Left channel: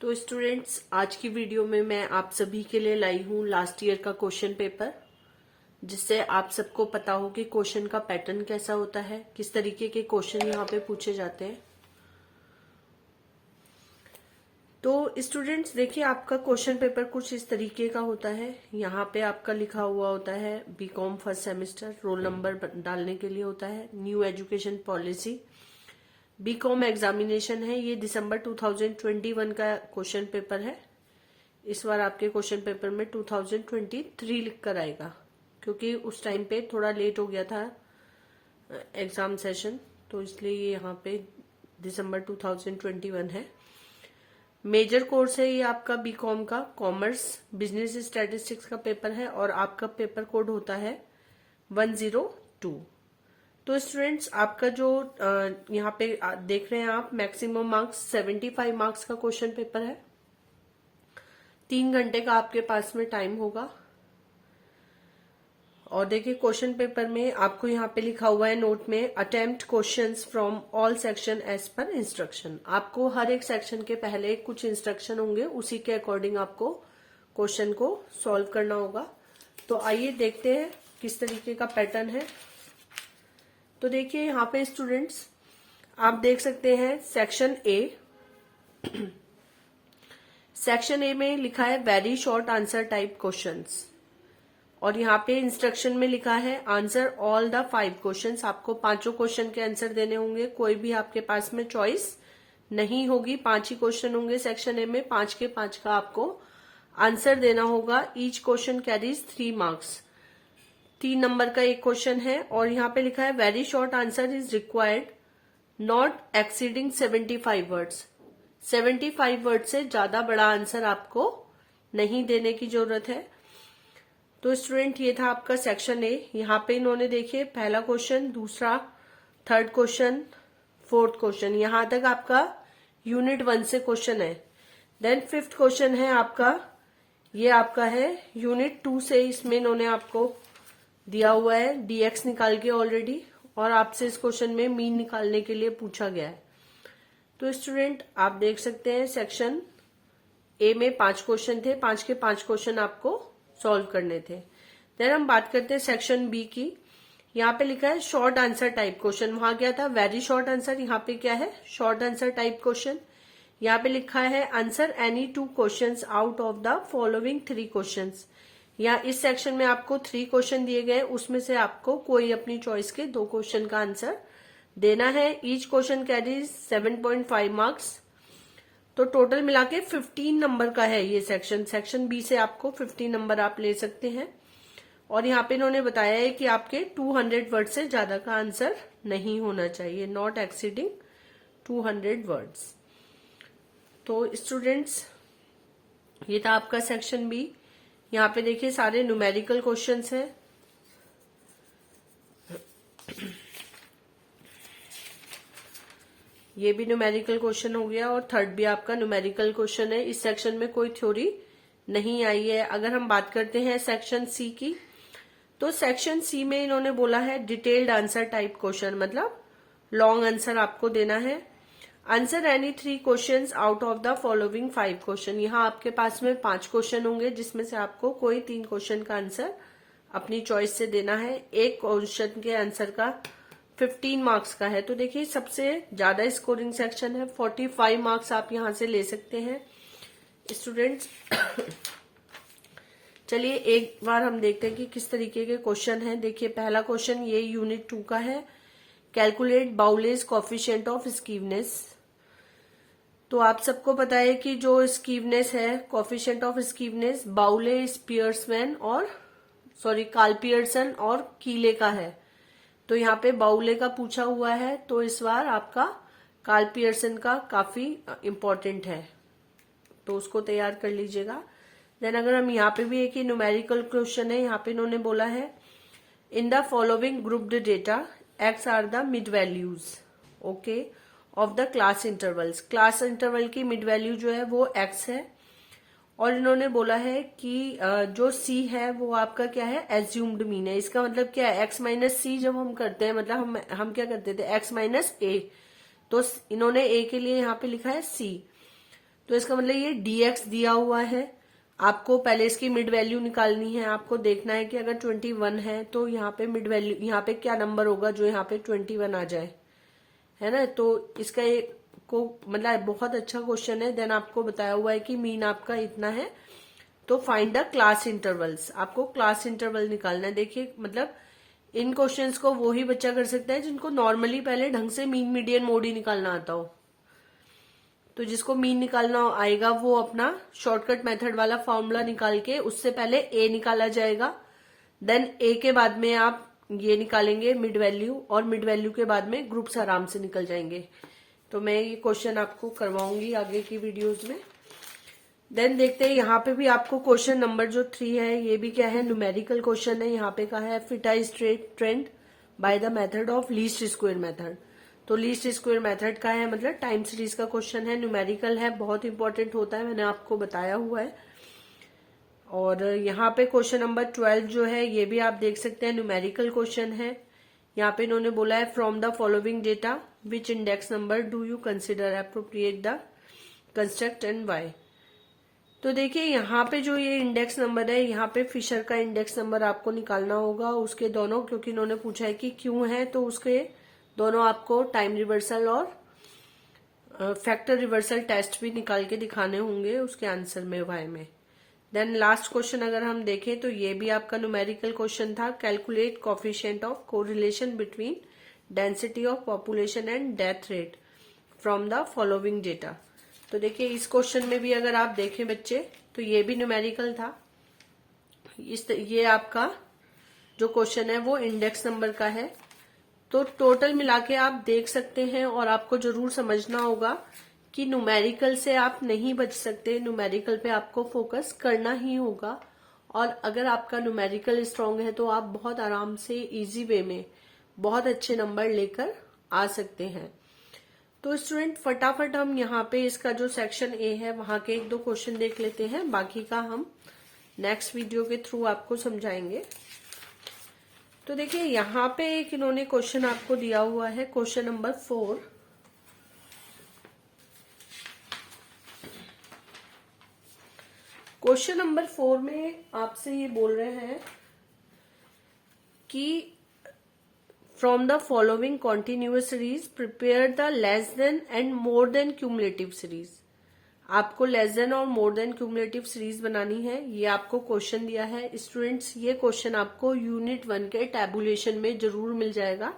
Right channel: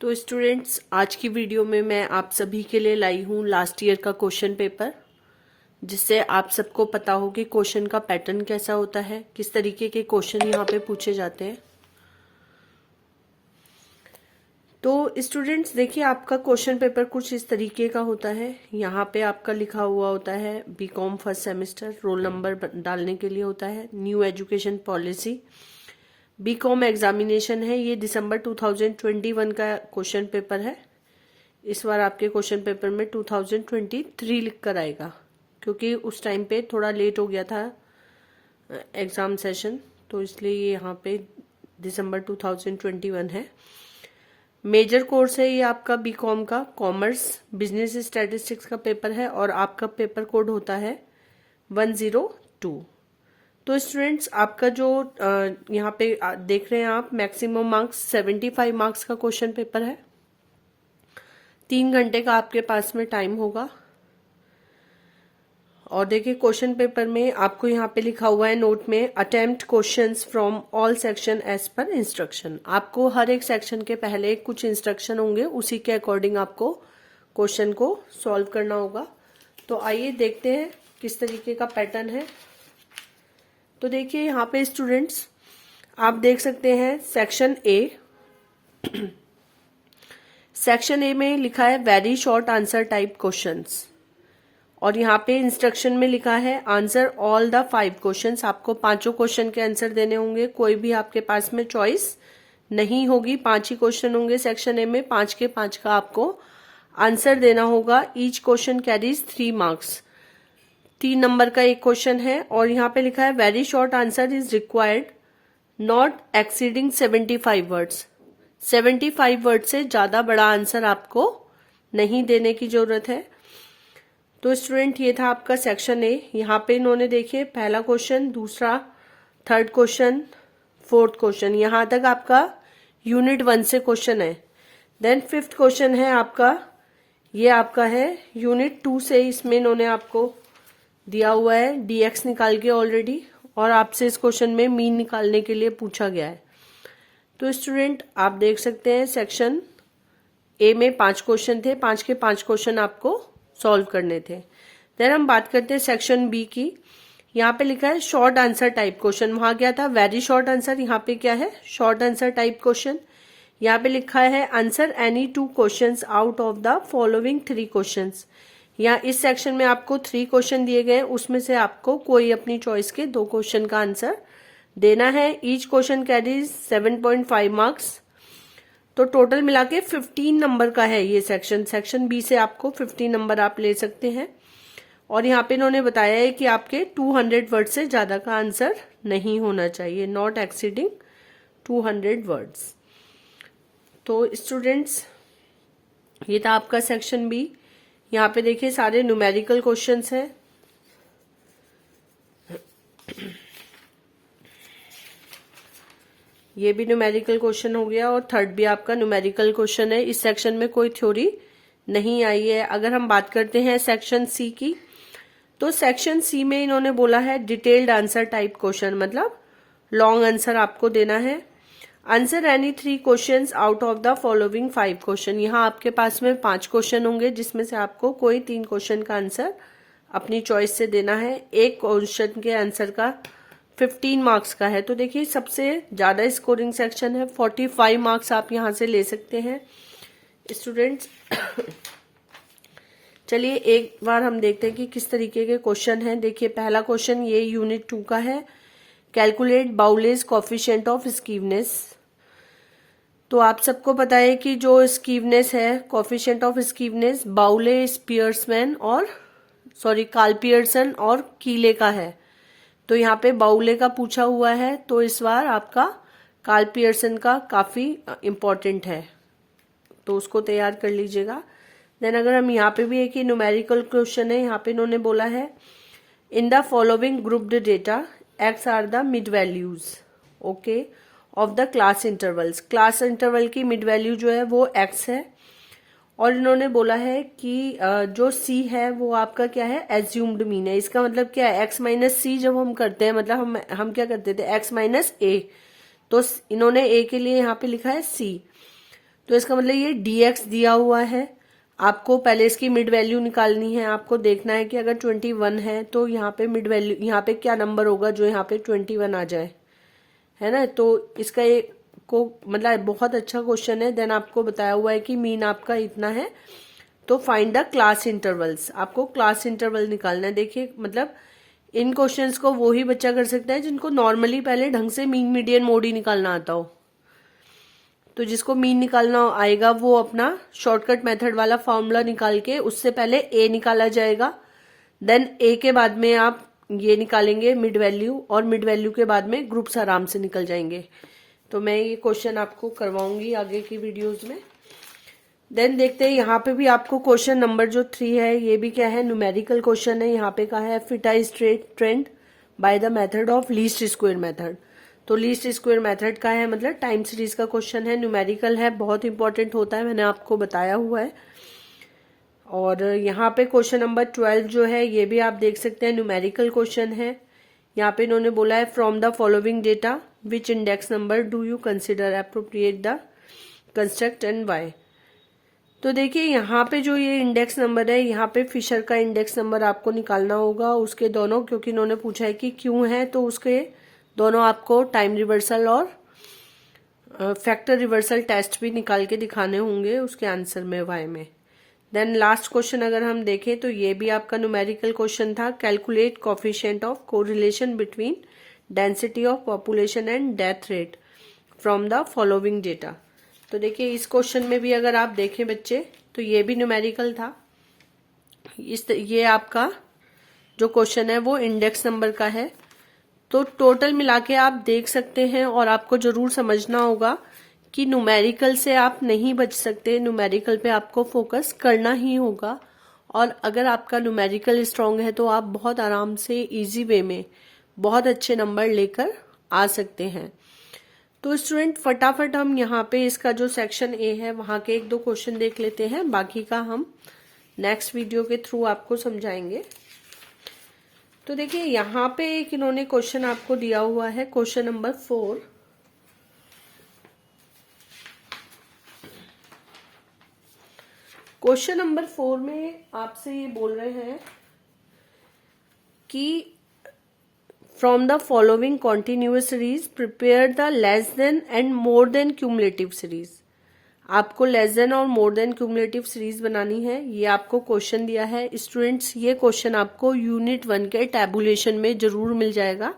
तो स्टूडेंट्स, आज की वीडियो में मैं आप सभी के लिए लाई हूँ लास्ट ईयर का क्वेश्चन पेपर, जिससे आप सबको पता हो कि क्वेश्चन का पैटर्न कैसा होता है, किस तरीके के क्वेश्चन यहाँ पे पूछे जाते हैं। तो स्टूडेंट्स देखिए, आपका क्वेश्चन पेपर कुछ इस तरीके का होता है। यहाँ पे आपका लिखा हुआ होता है BCom first semester, roll number डालने के लिए होता है, new education policy, BCom examination है। ये दिसंबर 2021 का क्वेश्चन पेपर है। इस बार आपके क्वेश्चन पेपर में 2023 लिख कर आएगा, क्योंकि उस टाइम पे थोड़ा लेट हो गया था एग्जाम सेशन, तो इसलिए ये यहाँ पे दिसंबर 2021 है। मेजर कोर्स है ये आपका बीकॉम का, कॉमर्स बिजनेस स्टैटिस्टिक्स का पेपर है, और आपका पेपर कोड होता है 102। तो स्टूडेंट्स, आपका जो यहाँ पे देख रहे हैं आप, मैक्सिमम मार्क्स 75 मार्क्स का क्वेश्चन पेपर है। 3 घंटे का आपके पास में टाइम होगा। और देखिए, क्वेश्चन पेपर में आपको यहाँ पे लिखा हुआ है नोट में, attempt questions from all section as per instruction. आपको हर एक सेक्शन के पहले कुछ इंस्ट्रक्शन होंगे, उसी के अकॉर्डिंग आपको क्वेश्चन को सॉल्व करना होगा। तो आइए देखते हैं किस तरीके का पैटर्न है। तो देखिए, यहाँ पे स्टूडेंट्स आप देख सकते हैं सेक्शन ए। सेक्शन ए में लिखा है very short answer type questions, और यहाँ पे इंस्ट्रक्शन में लिखा है आंसर ऑल द 5 क्वेश्चंस। आपको पांचों क्वेश्चन के आंसर देने होंगे, कोई भी आपके पास में चॉइस नहीं होगी। 5 ही क्वेश्चन होंगे सेक्शन ए में, 5 के 5 का आपको आंसर देना होगा। Each question carries 3 marks, 3 number का एक क्वेश्चन है। और यहाँ पे लिखा है very short answer is required not exceeding 75 words. 75 word से ज्यादा बड़ा आंसर आपको नहीं देने की जरूरत है। तो स्टूडेंट, ये था आपका सेक्शन ए। यहाँ पे इन्होंने देखिए पहला क्वेश्चन, दूसरा, थर्ड क्वेश्चन, फोर्थ क्वेश्चन, यहाँ तक आपका यूनिट 1 से क्वेश्चन है। देन 5th क्वेश्चन है आपका, ये आपका है यूनिट 2 से। इसमें इन्होंने आपको दिया हुआ है डीएक्स निकाल के ऑलरेडी, और आपसे इस क्वेश्चन में मीन निकालने के लिए पूछा गया है। तो स्टूडेंट, आप देख सकते हैं सेक्शन ए में 5 क्वेश्चन थे, 5 के 5 क्वेश्चन आपको सॉल्व करने थे। देन हम बात करते हैं सेक्शन बी की। यहाँ पे लिखा है शॉर्ट आंसर टाइप क्वेश्चन, वहां क्या था वेरी शॉर्ट आंसर, यहाँ पे क्या है शॉर्ट आंसर टाइप क्वेश्चन। यहाँ पे लिखा है answer any 2 questions out of the following 3 questions. यहाँ इस सेक्शन में आपको 3 क्वेश्चन दिए गए, उसमें से आपको कोई अपनी चॉइस के 2 क्वेश्चन का आंसर देना है। Each question carries 7.5 marks. तो टोटल मिला के 15 नंबर का है ये सेक्शन। सेक्शन बी से आपको 15 नंबर आप ले सकते हैं। और यहाँ पे इन्होंने बताया है कि आपके 200 वर्ड से ज्यादा का आंसर नहीं होना चाहिए, नॉट एक्सीडिंग 200 वर्ड्स। तो स्टूडेंट्स, ये था आपका सेक्शन बी। यहाँ पे देखिए सारे न्यूमेरिकल क्वेश्चंस हैं। ये भी न्यूमेरिकल क्वेश्चन हो गया, और थर्ड भी आपका न्यूमेरिकल क्वेश्चन है। इस सेक्शन में कोई थ्योरी नहीं आई है। अगर हम बात करते हैं सेक्शन सी की, तो सेक्शन सी में इन्होंने बोला है डिटेल्ड आंसर टाइप क्वेश्चन, मतलब लॉन्ग आंसर आपको देना है। Answer any 3 questions out of the following 5 question. यहाँ आपके पास में 5 क्वेश्चन होंगे, जिसमें से आपको कोई 3 क्वेश्चन का आंसर अपनी चॉइस से देना है। एक क्वेश्चन के आंसर का 15 मार्क्स का है। तो देखिए, सबसे ज्यादा स्कोरिंग सेक्शन है, 45 मार्क्स आप यहां से ले सकते हैं स्टूडेंट्स। चलिए एक बार हम देखते हैं कि किस तरीके के क्वेश्चन हैं। देखिए, पहला क्वेश्चन ये यूनिट 2 का है, कैलकुलेट बाउलेज कोफिशिएंट ऑफ स्कीवनेस। तो आप सबको पता है कि जो स्कीवनेस है, कोफिशिएंट ऑफ स्कीवनेस, बाउले, स्पियर्समैन और कार्ल पियर्सन और कीले का है। तो यहाँ पे बाउले का पूछा हुआ है, तो इस बार आपका कार्ल पियर्सन का काफी इंपॉर्टेंट है, तो उसको तैयार कर लीजिएगा। देन अगर हम यहाँ पे भी एक ही न्यूमेरिकल क्वेश्चन है, यहाँ पे इन्होंने बोला है in the following grouped data X are the mid values okay of the class intervals. Class interval की मिड वैल्यू जो है वो एक्स है, और इन्होंने बोला है कि जो सी है वो आपका क्या है एज्यूम्ड मीन है। इसका मतलब क्या है, एक्स माइनस सी जब हम करते हैं, मतलब हम क्या करते थे एक्स माइनस ए, तो इन्होंने ए के लिए यहाँ पे लिखा है सी। तो इसका मतलब ये dx दिया हुआ है, आपको पहले इसकी मिड वैल्यू निकालनी है। आपको देखना है कि अगर 21 है तो यहाँ पे मिड वैल्यू, यहाँ पे क्या नंबर होगा जो यहाँ पे 21 आ जाए, है ना। तो इसका एक को मतलब बहुत अच्छा क्वेश्चन है। देन आपको बताया हुआ है कि मीन आपका इतना है, तो फाइंड द क्लास इंटरवल्स, आपको क्लास इंटरवल निकालना है। देखिए मतलब इन क्वेश्चंस को वो ही बच्चा कर सकता है जिनको नॉर्मली पहले ढंग से मीन मीडियन मोड ही निकालना आता हो। तो जिसको मीन निकालना आएगा वो अपना शॉर्टकट मेथड वाला फॉर्मूला निकाल के उससे पहले ए निकाला जाएगा, देन ए के बाद में आप ये निकालेंगे मिड वैल्यू, और मिड वैल्यू के बाद में ग्रुप्स आराम से निकल जाएंगे। तो मैं ये क्वेश्चन आपको करवाऊंगी आगे की वीडियोज में। देन देखते हैं यहाँ पे भी आपको क्वेश्चन नंबर जो 3 है, ये भी क्या है, न्यूमेरिकल क्वेश्चन है। यहाँ पे कहा है fit I straight trend by the method of least square method. तो लीस्ट स्क्वायर मेथड का है मतलब टाइम सीरीज का क्वेश्चन है, न्यूमेरिकल है, बहुत इंपॉर्टेंट होता है, मैंने आपको बताया हुआ है। और यहाँ पे क्वेश्चन नंबर 12 जो है ये भी आप देख सकते हैं, न्यूमेरिकल क्वेश्चन है। यहाँ पे इन्होंने बोला है from the following data which index number do you consider appropriate the construct and why. तो देखिए यहाँ पे जो ये इंडेक्स नंबर है, यहाँ पे फिशर का इंडेक्स नंबर आपको निकालना होगा, उसके दोनों, क्योंकि इन्होंने पूछा है कि क्यों है, तो उसके दोनों आपको टाइम रिवर्सल और फैक्टर रिवर्सल टेस्ट भी निकाल के दिखाने होंगे उसके आंसर में, वाई में। देन लास्ट क्वेश्चन अगर हम देखें तो ये भी आपका न्यूमेरिकल क्वेश्चन था, calculate coefficient of correlation between density of population and death rate from the following data. तो देखिए इस क्वेश्चन में भी अगर आप देखें बच्चे तो ये भी न्यूमेरिकल था। ये आपका जो क्वेश्चन है वो इंडेक्स नंबर का है। तो टोटल मिला के आप देख सकते हैं, और आपको जरूर समझना होगा कि न्यूमेरिकल से आप नहीं बच सकते, न्यूमेरिकल पे आपको फोकस करना ही होगा। और अगर आपका न्यूमेरिकल स्ट्रांग है तो आप बहुत आराम से इजी वे में बहुत अच्छे नंबर लेकर आ सकते हैं। तो स्टूडेंट फटाफट हम यहाँ पे इसका जो सेक्शन ए है वहां के 1-2 क्वेश्चन देख लेते हैं, बाकी का हम नेक्स्ट वीडियो के थ्रू आपको समझाएंगे। तो देखिए यहाँ पे एक इन्होंने क्वेश्चन आपको दिया हुआ है, क्वेश्चन नंबर 4। क्वेश्चन नंबर 4 में आपसे ये बोल रहे हैं कि from the following continuous series prepare the less than and more than cumulative series. आपको लेस देन और मोर देन क्यूमुलेटिव सीरीज बनानी है, ये आपको क्वेश्चन दिया है। स्टूडेंट्स ये क्वेश्चन आपको यूनिट 1 के टैबुलेशन में जरूर मिल जाएगा,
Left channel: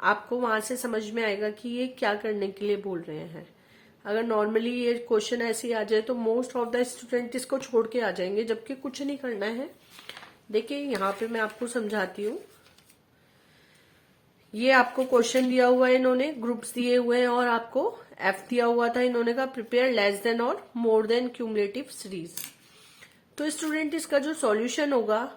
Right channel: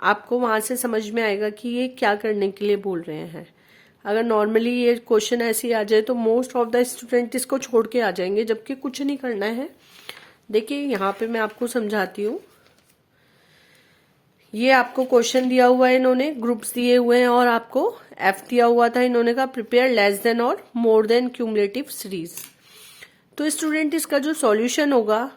आपको वहां से समझ में आएगा कि ये क्या करने के लिए बोल रहे हैं। अगर नॉर्मली ये क्वेश्चन ऐसे ही आ जाए तो मोस्ट ऑफ द स्टूडेंट इसको छोड़ के आ जाएंगे, जबकि कुछ नहीं करना है। देखिए यहाँ पे मैं आपको समझाती हूँ। ये आपको क्वेश्चन दिया हुआ है, इन्होंने ग्रुप्स दिए हुए हैं और आपको एफ दिया हुआ था, इन्होंने कहा प्रिपेयर लेस देन और मोर देन क्यूमुलेटिव सीरीज। तो स्टूडेंट इसका जो सॉल्यूशन होगा,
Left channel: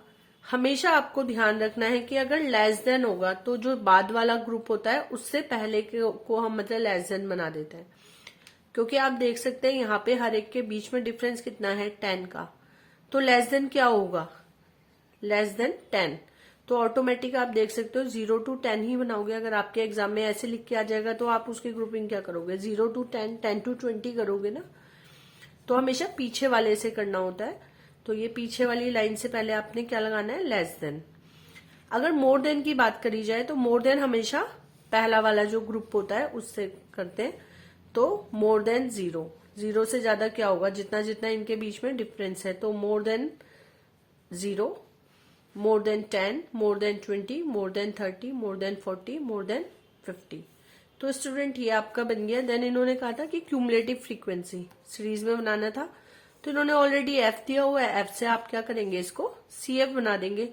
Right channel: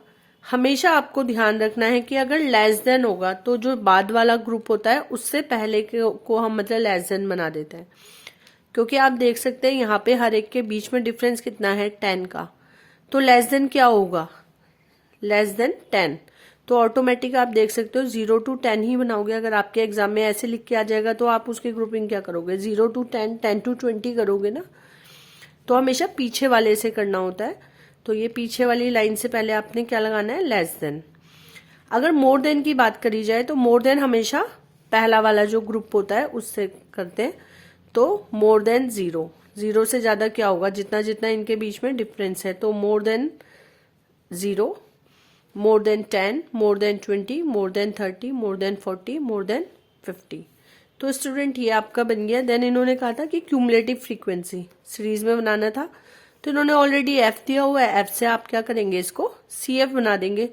हमेशा आपको ध्यान रखना है कि अगर लेस देन होगा तो जो बाद वाला ग्रुप होता है उससे पहले को हम मतलब लेस देन बना देते हैं, क्योंकि आप देख सकते हैं यहाँ पे हर एक के बीच में डिफरेंस कितना है, 10 का। तो लेस देन क्या होगा, लेस देन 10। तो ऑटोमेटिक आप देख सकते हो 0 to 10 ही बनाओगे। अगर आपके एग्जाम में ऐसे लिख के आ जाएगा तो आप उसकी ग्रुपिंग क्या करोगे, 0 to 10, 10 to 20 करोगे ना। तो हमेशा पीछे वाले से करना होता है। तो ये पीछे वाली लाइन से पहले आपने क्या लगाना है, लेस देन। अगर मोर देन की बात करी जाए तो मोर देन हमेशा पहला वाला जो ग्रुप होता है उससे करते हैं। तो मोर देन 0, 0 से ज्यादा क्या होगा, जितना जितना इनके बीच में डिफरेंस है। तो more than 0, more than 10, more than 20, more than 30, more than 40, more than 50। तो स्टूडेंट ये आपका बन गया। देन इन्होंने कहा था कि क्यूमुलेटिव फ्रीक्वेंसी सीरीज में बनाना था, तो इन्होंने ऑलरेडी एफ दिया हुआ है, एफ से आप क्या करेंगे, इसको सी एफ बना देंगे।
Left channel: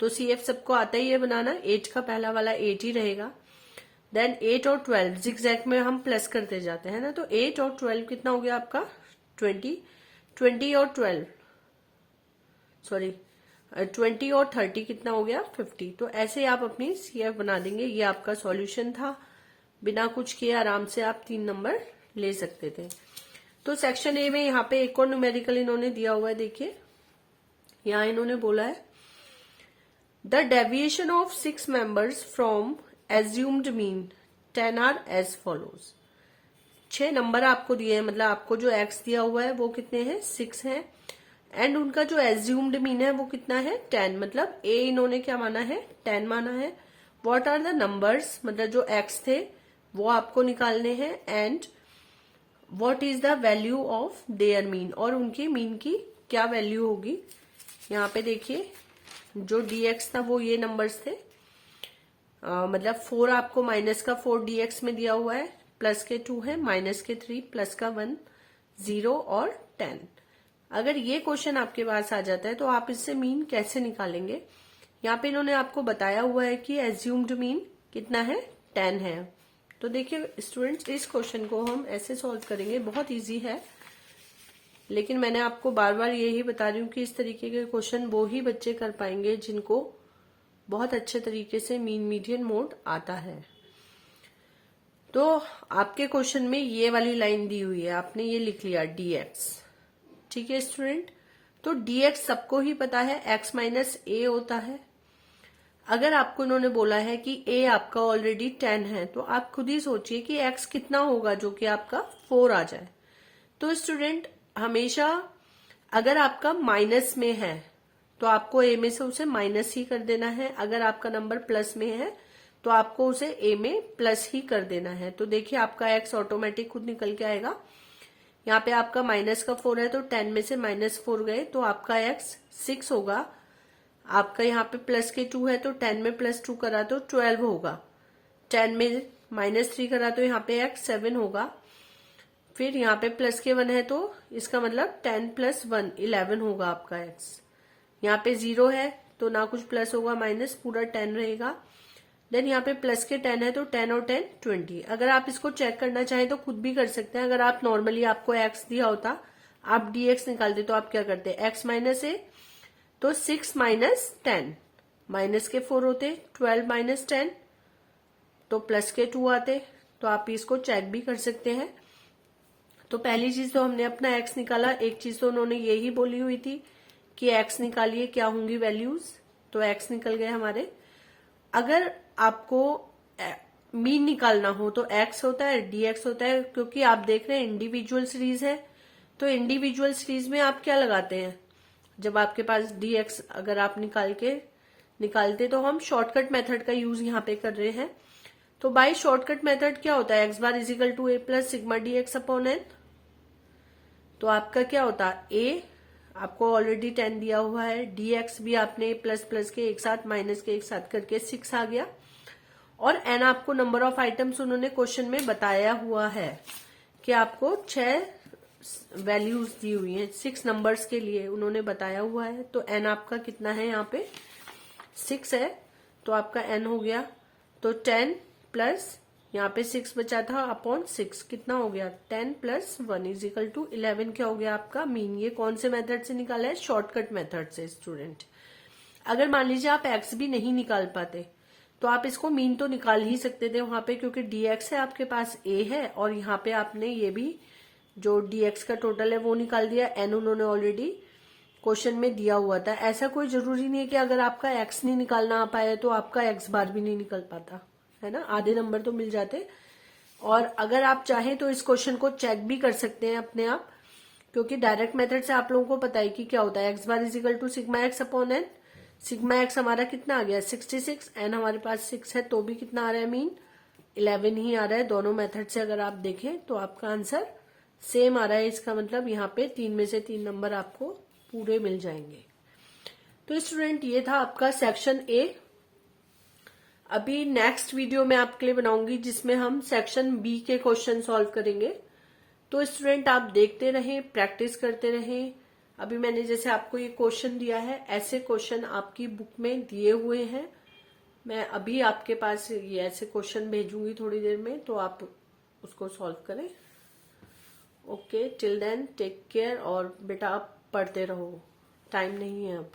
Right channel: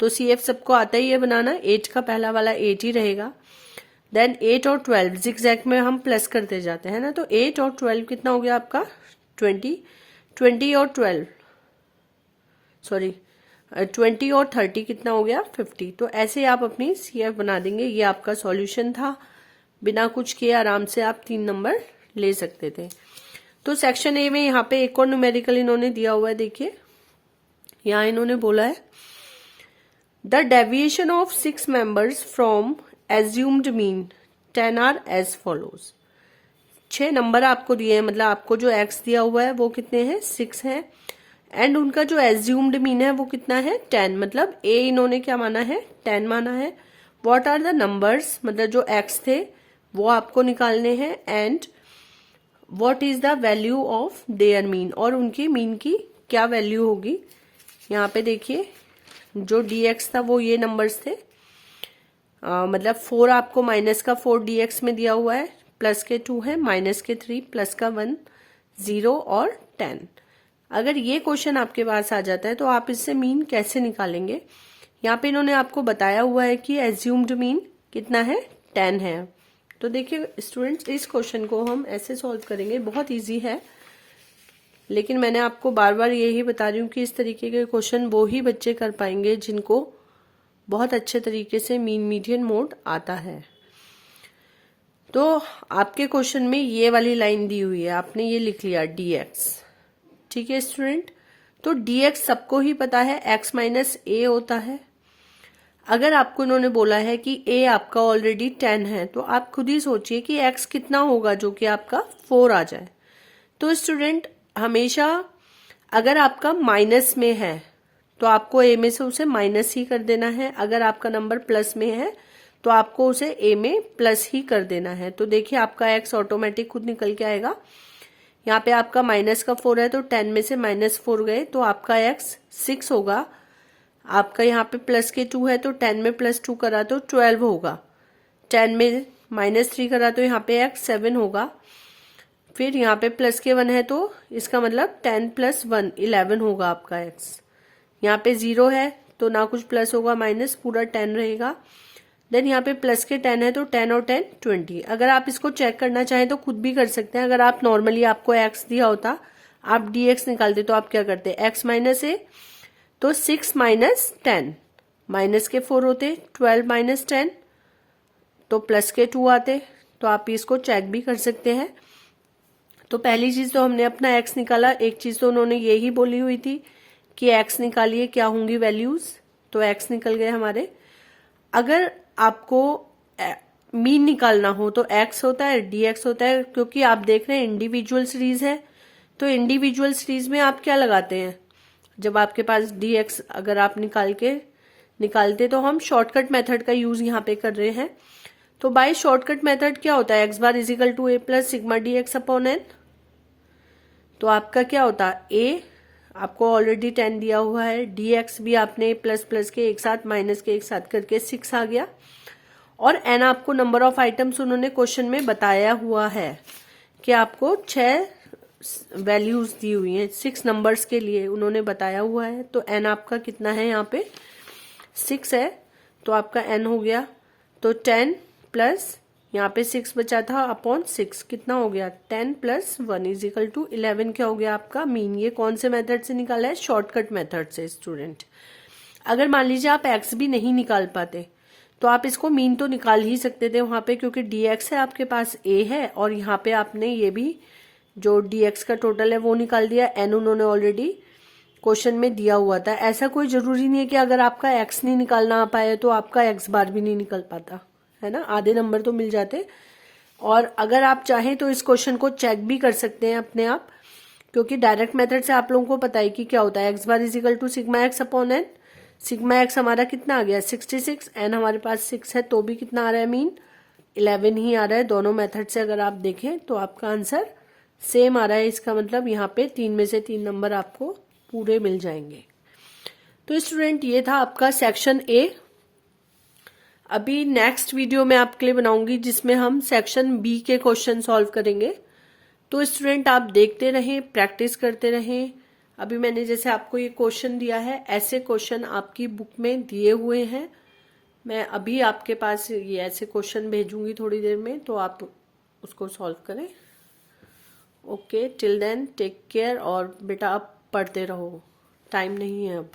तो सी एफ सबको आता ही है बनाना, 8 का पहला वाला 8 ही रहेगा। देन 8 और 12 जिगजैग में हम प्लस करते जाते हैं ना, तो 8 और 12 कितना हो गया आपका, 20, 20 और 12 सॉरी 20 और 30 कितना हो गया, 50। तो ऐसे आप अपनी सी एफ बना देंगे। ये आपका सॉल्यूशन था, बिना कुछ किए आराम से आप 3 नंबर ले सकते थे। तो सेक्शन ए में यहाँ पे एक और न्यूमेरिकल इन्होंने दिया हुआ है। देखिए यहाँ इन्होंने बोला है the deviation of 6 members from assumed mean 10 are as follows. 6 number आपको दिए हैं, मतलब आपको जो एक्स दिया हुआ है वो कितने हैं, 6 है। एंड उनका जो एज्यूम्ड मीन है वो कितना है, 10, मतलब ए इन्होंने क्या माना है, 10 माना है। व्हाट आर द नंबर्स, मतलब जो एक्स थे वो आपको निकालने हैं। And what is the value of their mean, और उनकी मीन की क्या वैल्यू होगी। यहाँ पे देखिए जो dx था वो ये नंबर्स थे, मतलब 4 आपको माइनस का 4 dx में दिया हुआ है, प्लस के 2 है, माइनस के 3, प्लस का 1, 0 और 10। अगर ये क्वेश्चन आपके पास आ जाता है तो आप इससे मीन कैसे निकालेंगे। यहाँ पे इन्होंने आपको बताया हुआ है कि एज्यूम्ड मीन कितना है, 10 है। तो देखिए स्टूडेंट्स, इस क्वेश्चन को हम ऐसे सॉल्व करेंगे, बहुत इजी है, लेकिन मैंने आपको बार बार यही बता रही हूँ कि इस तरीके के क्वेश्चन वो ही बच्चे कर पाएंगे जिनको बहुत अच्छे तरीके से मीन मीडियन मोड आता है। तो आपके क्वेश्चन में ये वाली लाइन दी हुई है, आपने ये लिख लिया dx, ठीक है स्टूडेंट। तो dx सबको ही पता है x माइनस ए होता है। अगर आपको उन्होंने बोला है कि a आपका ऑलरेडी 10 है, तो आप खुद ही सोचिए कि x कितना होगा जो कि आपका 4 आ जाए। तो स्टूडेंट हमेशा अगर आपका माइनस में है तो आपको a में से उसे माइनस ही कर देना है, अगर आपका नंबर प्लस में है तो आपको उसे a में प्लस ही कर देना है। तो देखिए आपका x ऑटोमेटिक खुद निकल के आएगा। यहाँ पे आपका माइनस का 4 है तो 10 में से माइनस 4 गए तो आपका x 6 होगा। आपका यहाँ पे प्लस के 2 है तो 10 में प्लस 2 करा तो 12 होगा। 10 में माइनस 3 करा तो यहाँ पे x 7 होगा। फिर यहाँ पे प्लस के 1 है तो इसका मतलब 10 प्लस 1 11 होगा आपका x। यहाँ पे 0 है तो ना कुछ प्लस होगा, माइनस पूरा 10 रहेगा। देन यहाँ पे प्लस के 10 है तो 10 और 10 20। अगर आप इसको चेक करना चाहें तो खुद भी कर सकते हैं। अगर आप नॉर्मली आपको x दिया होता, आप dx निकालते तो आप क्या करते, x माइनस ए, तो 6 माइनस 10, माइनस के 4 होते, 12 माइनस 10 तो प्लस के 2 आते। तो आप इसको चेक भी कर सकते हैं। तो पहली चीज तो हमने अपना x निकाला, एक चीज तो उन्होंने यही बोली हुई थी कि x निकालिए क्या होंगी वैल्यूज, तो x निकल गए हमारे। अगर आपको मीन निकालना हो तो x होता है, dx होता है, क्योंकि आप देख रहे हैं इंडिविजुअल सीरीज है। तो इंडिविजुअल सीरीज में आप क्या लगाते हैं, जब आपके पास dx अगर आप निकालते तो हम शॉर्टकट मेथड का यूज यहाँ पे कर रहे हैं। तो बाय शॉर्टकट मेथड क्या होता है, x bar is equal to a plus sigma dx upon n। तो आपका क्या होता है, a आपको ऑलरेडी 10 दिया हुआ है, dx भी आपने प्लस प्लस के एक साथ माइनस के एक साथ करके 6 आ गया, और n आपको नंबर ऑफ आइटम्स उन्होंने क्वेश्चन में बताया हुआ है कि आपको 6 वैल्यूज दी हुई हैं, 6 नंबर्स के लिए उन्होंने बताया हुआ है। तो n आपका कितना है, यहाँ पे 6 है तो आपका n हो गया, तो 10 प्लस यहाँ पे 6 बचा था अपॉन 6 कितना हो गया, 10 प्लस 1 इज इक्वल टू 11 क्या हो गया आपका मीन। ये कौन से मेथड से निकाला है, शॉर्टकट मेथड से स्टूडेंट। अगर मान लीजिए आप x भी नहीं निकाल पाते तो आप इसको मीन तो निकाल ही सकते थे वहां पे, क्योंकि dx है आपके पास a है, और यहाँ पे आपने ये भी जो dx का टोटल है वो निकाल दिया, n उन्होंने ऑलरेडी क्वेश्चन में दिया हुआ था। ऐसा कोई जरूरी नहीं है कि अगर आपका x नहीं निकालना आ पाए तो आपका x बार भी नहीं निकल पाता है ना, आधे नंबर तो मिल जाते। और अगर आप चाहें तो इस क्वेश्चन को चेक भी कर सकते हैं अपने आप, क्योंकि डायरेक्ट मेथड से आप लोगों को पता है कि क्या होता है, x bar is equal to sigma X upon N. Sigma X हमारा कितना आ गया 66, एन हमारे पास 6 है तो भी कितना आ रहा है मीन 11 ही आ रहा है। दोनों मेथड से अगर आप देखें तो आपका आंसर सेम आ रहा है। इसका मतलब यहाँ पे 3 में से 3 नंबर आपको पूरे मिल जाएंगे। तो स्टूडेंट ये था आपका सेक्शन ए। अभी नेक्स्ट वीडियो मैं आपके लिए बनाऊंगी जिसमें हम सेक्शन बी के क्वेश्चन सॉल्व करेंगे। तो स्टूडेंट आप देखते रहें, प्रैक्टिस करते रहें। अभी मैंने जैसे आपको ये क्वेश्चन दिया है, ऐसे क्वेश्चन आपकी बुक में दिए हुए हैं। मैं अभी आपके पास ये ऐसे क्वेश्चन भेजूंगी थोड़ी देर में, तो आप उसको सॉल्व करें। Okay, till then take care, और बेटा आप पढ़ते रहो, टाइम नहीं है अब।